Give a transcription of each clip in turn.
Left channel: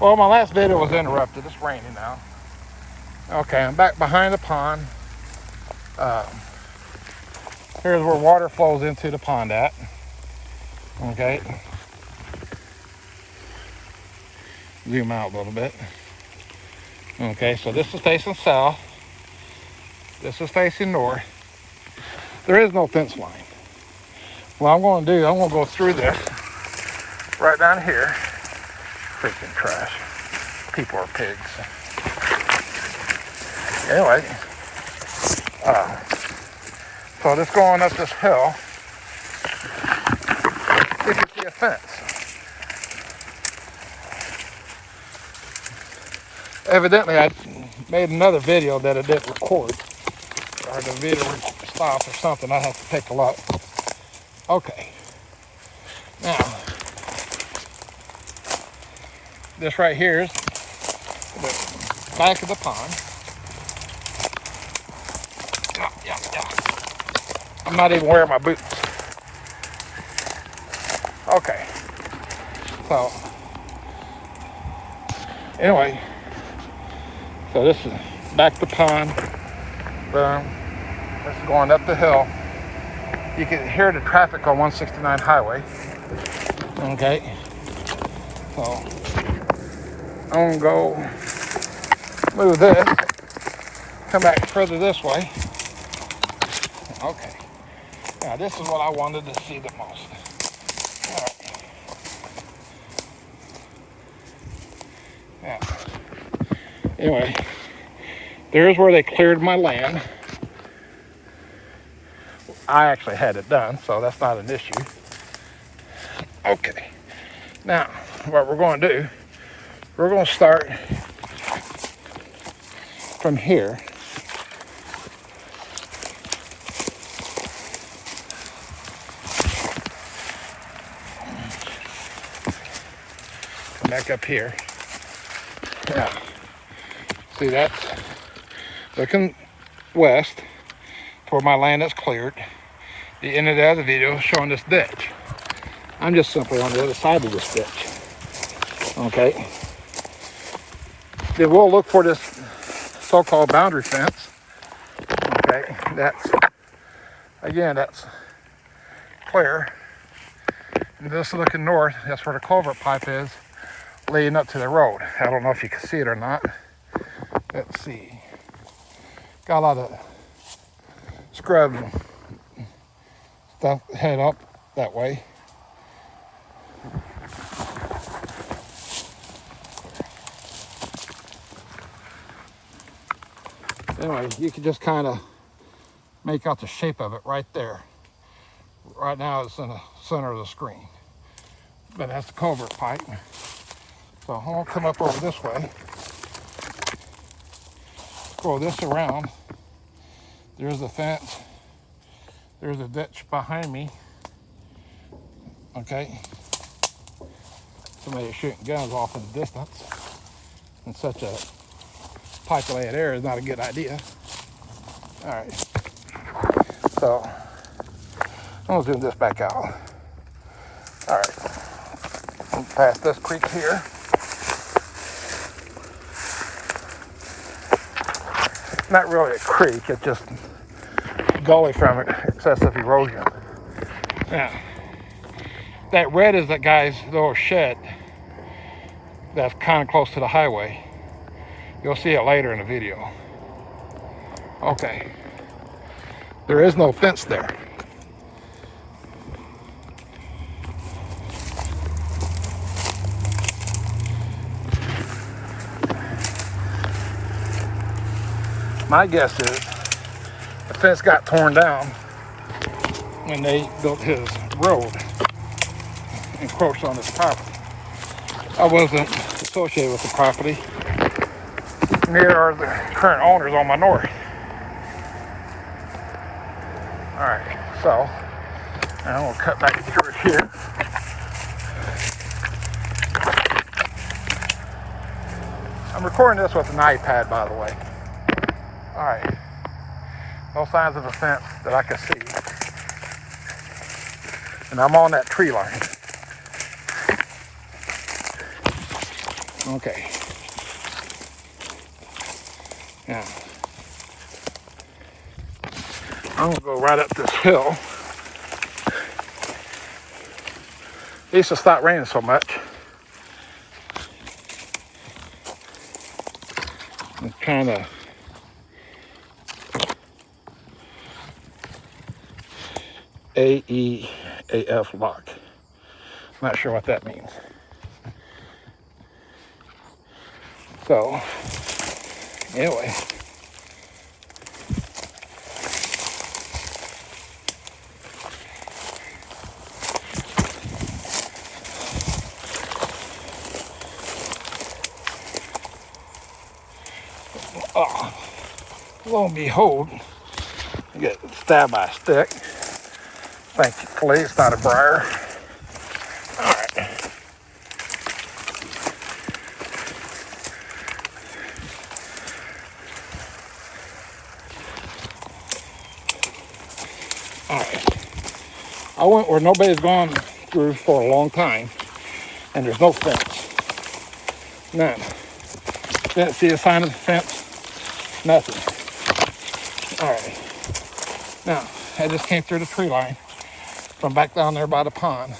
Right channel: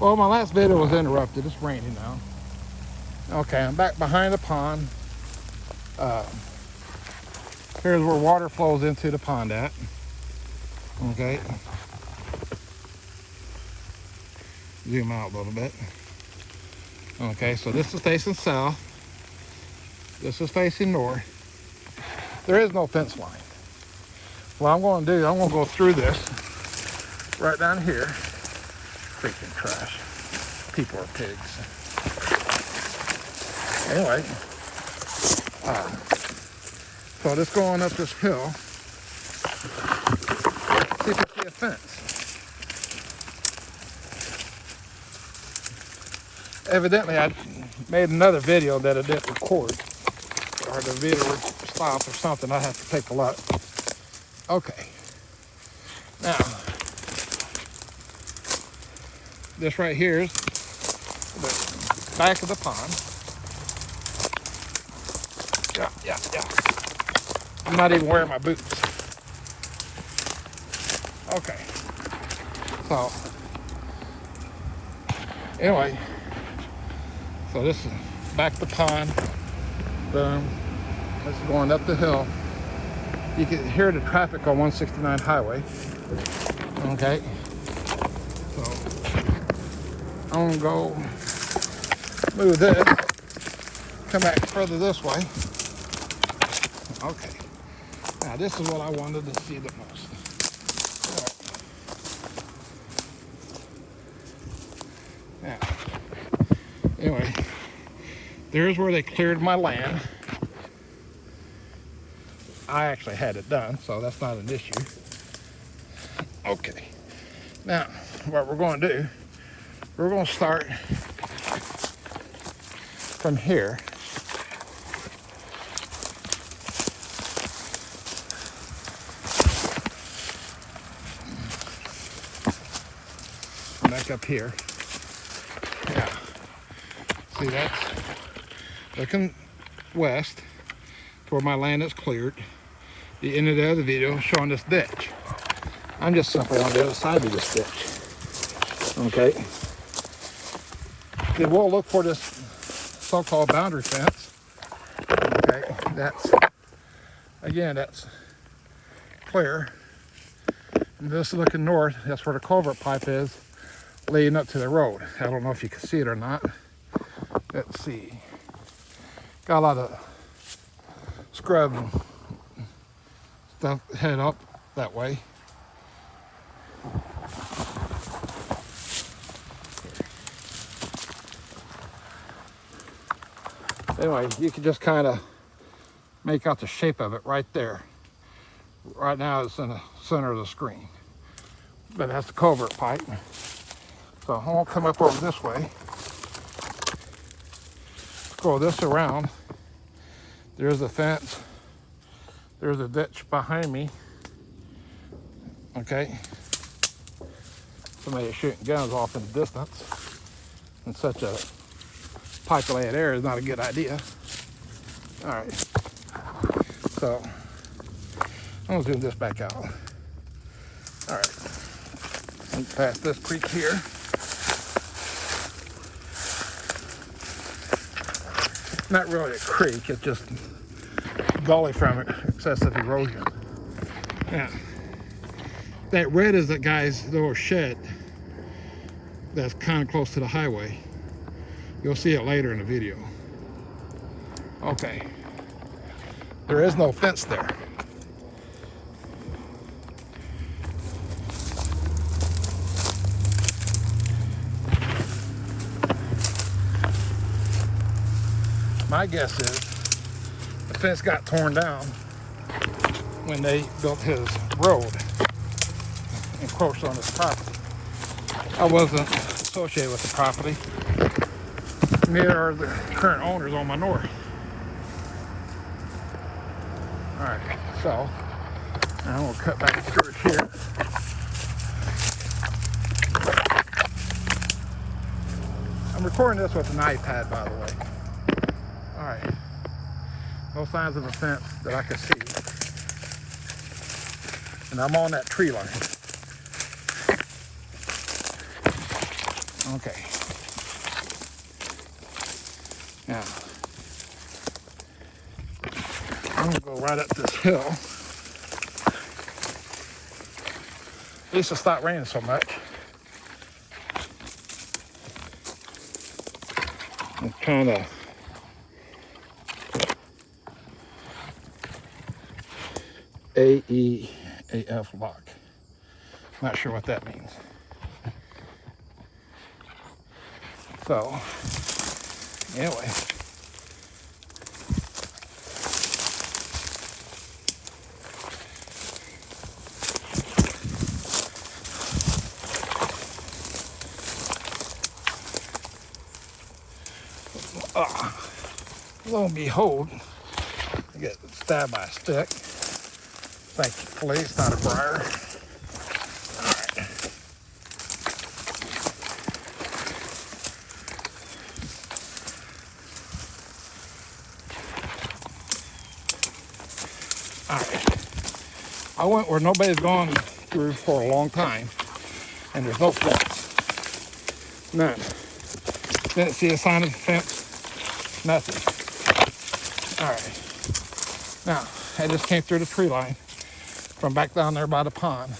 Well, my last video was interrupted. It's raining now. Okay, I'm back behind the pond. Here's where water flows into the pond at. Okay. Zoom out a little bit. Okay, so this is facing south. This is facing north. There is no fence line. What I'm going to do, I'm going to go through this right down here. Freaking trash. People are pigs. Anyway, so just going up this hill, you can see a fence. Evidently, I made another video that I didn't record, or the video stopped or something. I have to take a look. Okay. Now, this right here is the back of the pond. Yeah. I'm not even wearing my boots. Okay. So, anyway, so this is back to the pond. Boom. This is going up the hill. You can hear the traffic on 169 highway. Okay. So, I'm gonna go move this, come back further this way. Okay. Now this is what I wanted to see the most. All right. Yeah. Anyway, there's where they cleared my land. I actually had it done, so that's not an issue. Okay. Now, what we're going to do, we're going to start from here. Back up here. Yeah. See, that's looking west to where my land is cleared. The end of the other video showing this ditch. I'm just simply on the other side of this ditch. Okay. Then we'll look for this so-called boundary fence. Okay. That's clear. And this looking north, that's where the culvert pipe is, leading up to the road. I don't know if you can see it or not. Let's see. Got a lot of scrubs and stuff head up that way. Anyway, you can just kind of make out the shape of it right there. Right now it's in the center of the screen. But that's the culvert pipe. So I won't come up over this way. Go this around. There's the fence. There's a ditch behind me. Okay. Somebody shooting guns off in the distance. And such a populated area is not a good idea. All right. So I'm gonna zoom this back out. All right. I'm past this creek here. Not really a creek, it's just gully from excessive erosion. Now, that red is that guy's little shed that's kind of close to the highway. You'll see it later in the video. Okay. There is no fence there. My guess is the fence got torn down when they built his road, encroached on his property. I wasn't associated with the property. Neither are the current owners on my north. All right, so now we'll cut back through it here. I'm recording this with an iPad, by the way. All right, no signs of a fence that I can see. And I'm on that tree line. Okay. Now, I'm gonna go right up this hill. It used to stop raining so much. And kind of AEAF lock. Not sure what that means. So, anyway. Lo and behold, I get stabbed by a stick. Thankfully, it's not a briar. All right. All right. I went where nobody's gone through for a long time, and there's no fence. None. Didn't see a sign of the fence. Nothing. All right. Now, I just came through the tree line from back down there by the pond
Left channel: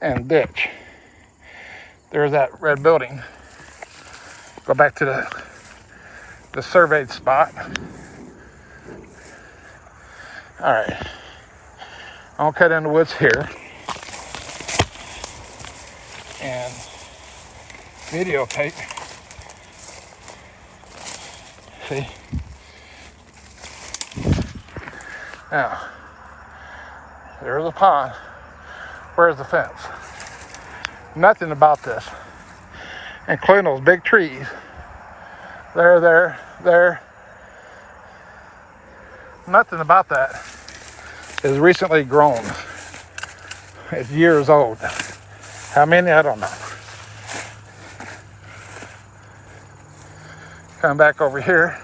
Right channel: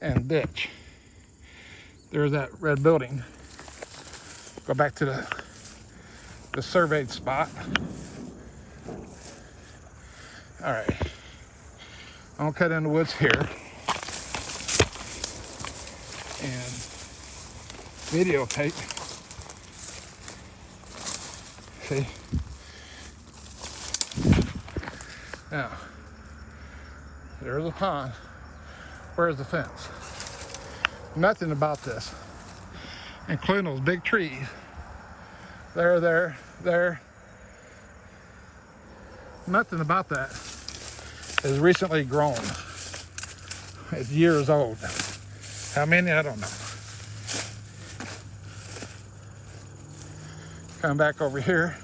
and ditch. There's that red building. Go back to the surveyed spot. All right. I'll cut in the woods here and videotape. See? Now, there's a pond. Where's the fence? Nothing about this, including those big trees. There. Nothing about that is recently grown. It's years old. How many? I don't know. Come back over here.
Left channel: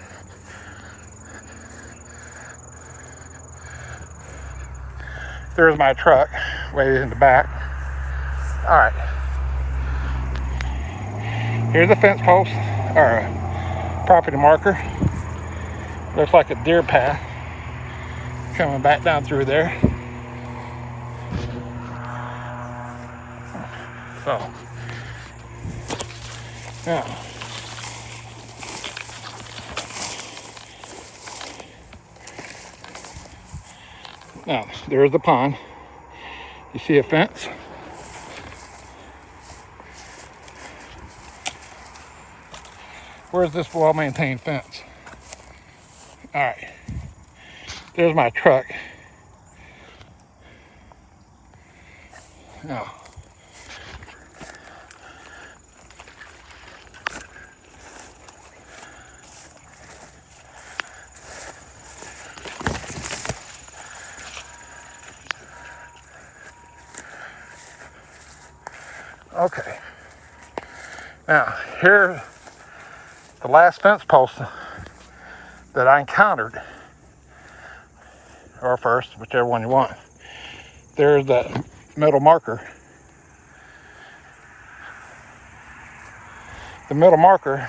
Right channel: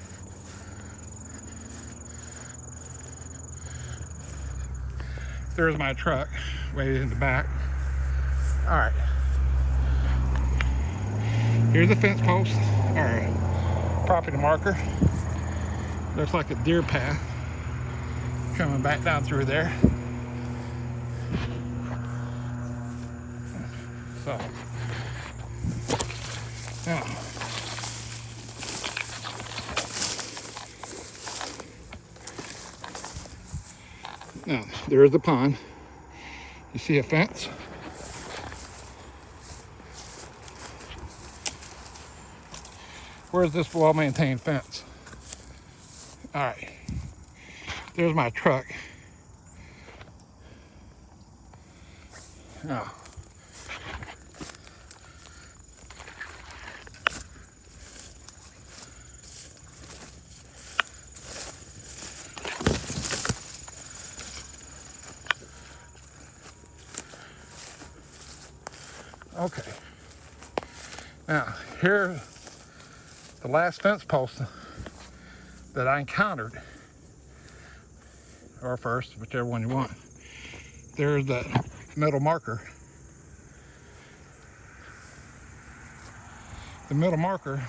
There's my truck way in the back. All right. Here's a fence post or a property marker. Looks like a deer path coming back down through there. So, now, there's the pond. You see a fence? Where's this well-maintained fence? All right. There's my truck. Now, okay. Now, here's the last fence post that I encountered, or first, whichever one you want. There's that middle marker. The middle marker,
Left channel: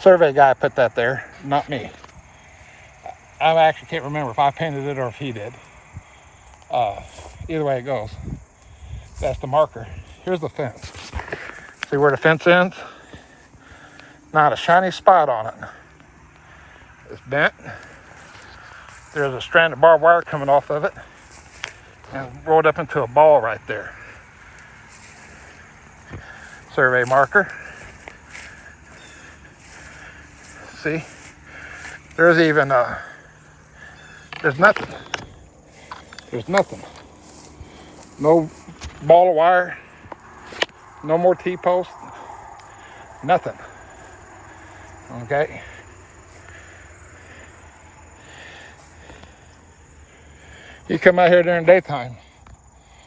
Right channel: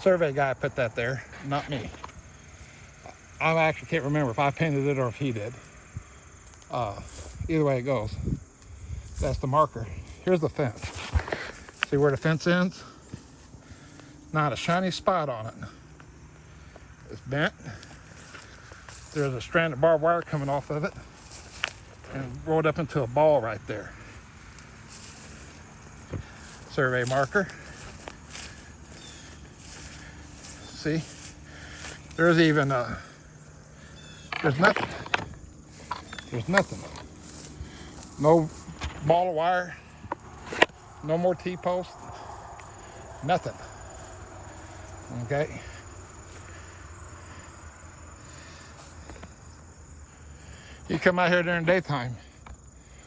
survey guy put that there, not me. I actually can't remember if I painted it or if he did. Either way it goes, that's the marker. Here's the fence. See where the fence ends? Not a shiny spot on it. It's bent. There's a strand of barbed wire coming off of it and rolled up into a ball right there. Survey marker. See? There's even there's nothing. There's nothing. No ball of wire. No more T-post. Nothing. Okay. You come out here during daytime.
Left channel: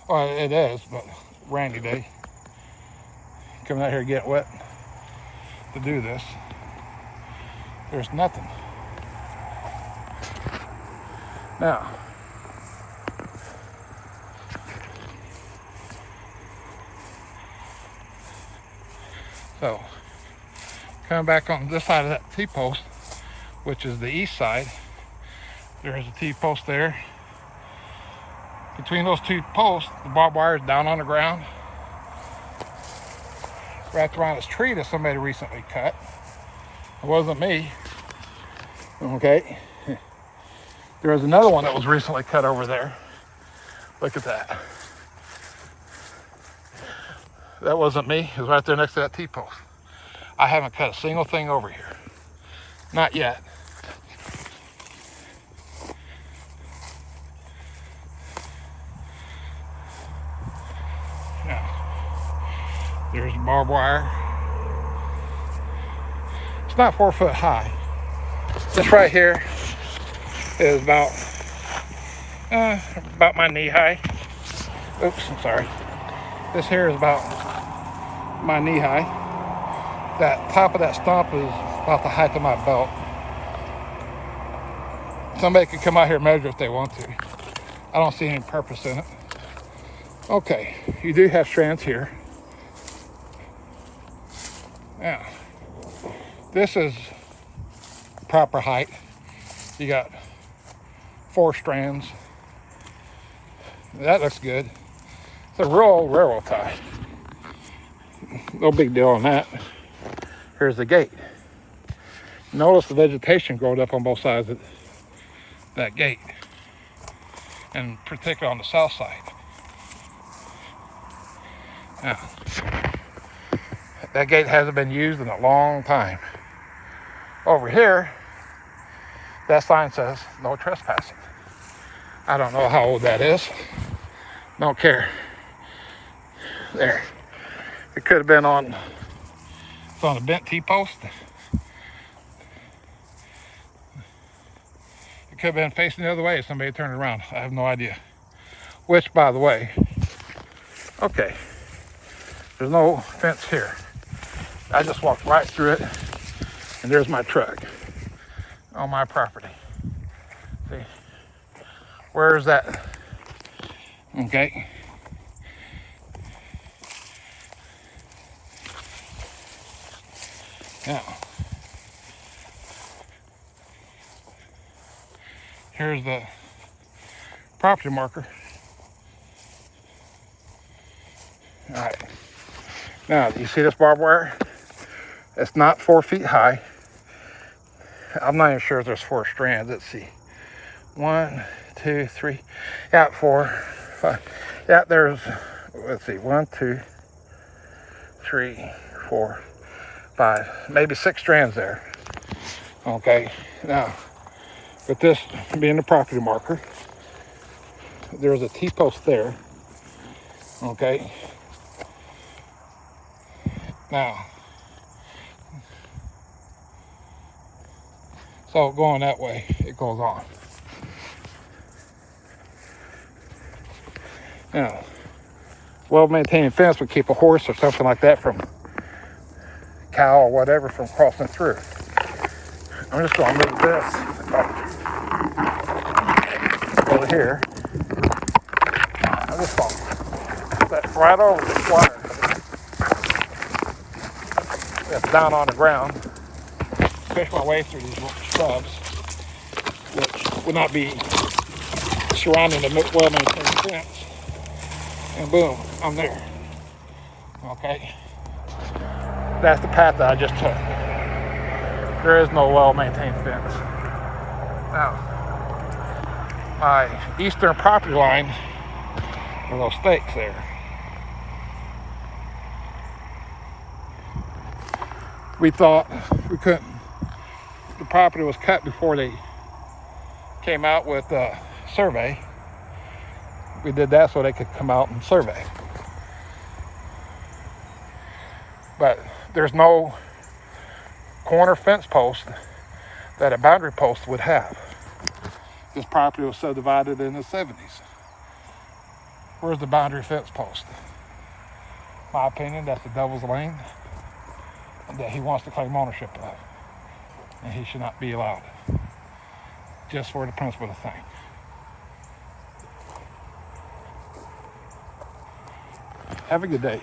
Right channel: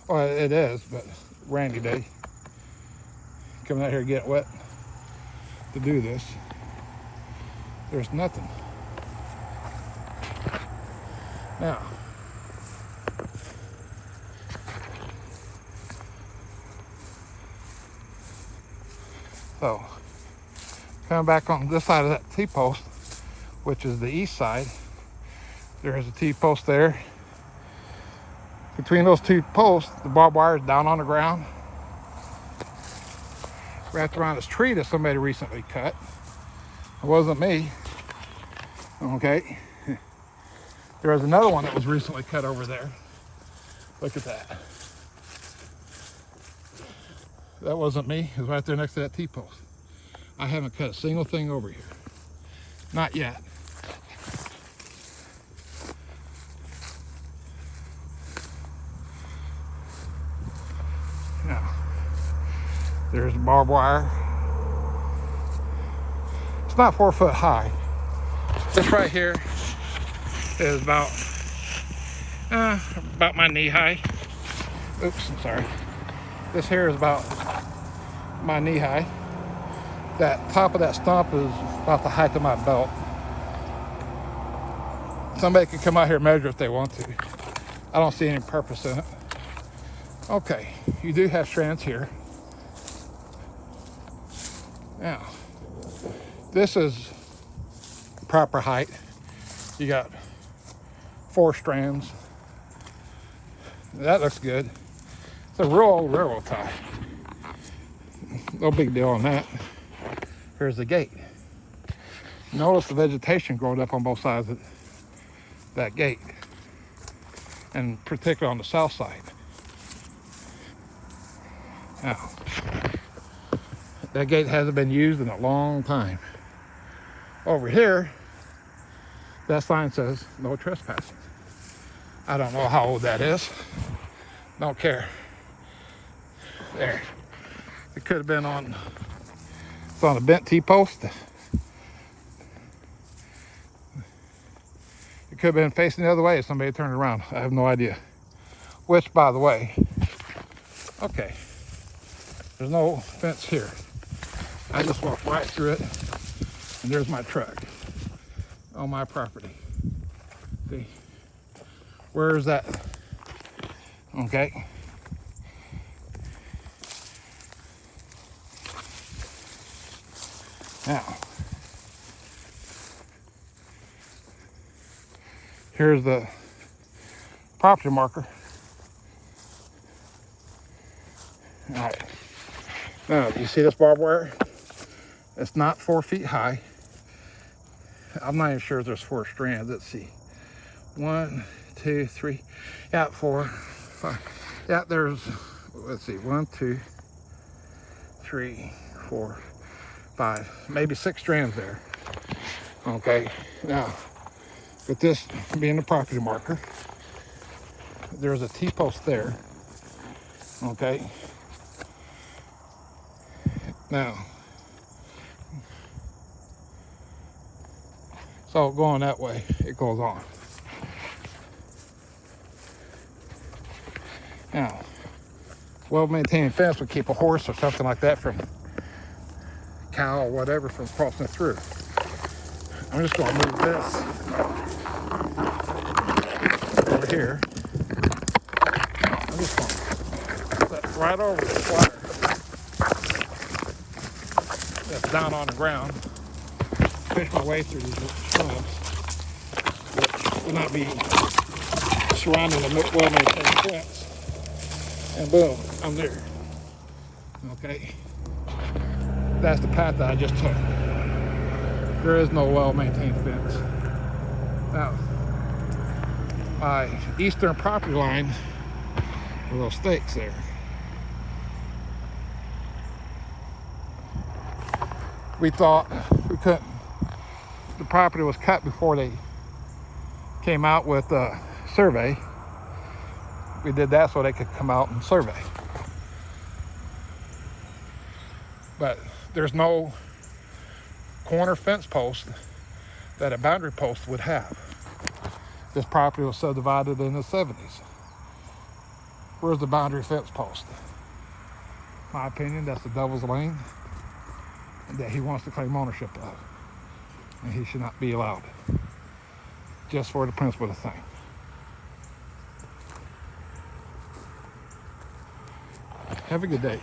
Well, it is, but rainy day. Come out here get wet to do this. There's nothing. Now, So coming back on this side of that T-post, which is the east side, there's a T-post there. Between those two posts, the barbed wire is down on the ground, wrapped around this tree that somebody recently cut. It wasn't me. Okay. There was another one that was recently cut over there. Look at that. That wasn't me. It was right there next to that T-post. I haven't cut a single thing over here. Not yet. Now, there's the barbed wire. It's not 4 foot high. This right here is about my knee high. Oops, I'm sorry. This here is about my knee high. That top of that stump is about the height of my belt. Somebody can come out here and measure if they want to. I don't see any purpose in it. Okay, you do have strands here. Now, this is proper height. You got 4 strands. That looks good. It's a real old railroad tie. No big deal on that. Here's the gate. Notice the vegetation growing up on both sides of that gate, and particularly on the south side. Now, that gate hasn't been used in a long time. Over here, that sign says no trespassing. I don't know how old that is. Don't care. There. It could have been on, it's on a bent T-post. It could have been facing the other way if somebody turned around. I have no idea. Which, by the way, okay, there's no fence here. I just walked right through it, and there's my truck on my property. See, where's that? Okay. Now, here's the property marker. All right. Now, do you see this barbed wire? It's not 4 feet high. I'm not even sure if there's 4 strands. Let's see. 1, 2, 3. Yeah, 4, 5. Yeah, there's, let's see, 1, 2, 3, 4, 5, maybe 6 strands there. Okay. Now, with this being the property marker, there's a T-post there. Okay. Now, so going that way, it goes on. Now, well-maintained fence would keep a horse or something like that from, cow or whatever, from crossing through. I'm just going to move this over here. I'm just going to put that right over this wire that's down on the ground. Push my way through these shrubs, which would not be surrounding the well-maintained fence. And boom, I'm there. Okay. That's the path that I just took. There is no well-maintained fence. Now, my eastern property line are those stakes there. We thought we couldn't, the property was cut before they came out with a survey. We did that so they could come out and survey. But there's no corner fence post that a boundary post would have. This property was subdivided in the 70s. Where's the boundary fence post? In my opinion, that's the devil's lane that he wants to claim ownership of. And he should not be allowed. Just for the principle of the thing. Have a good day.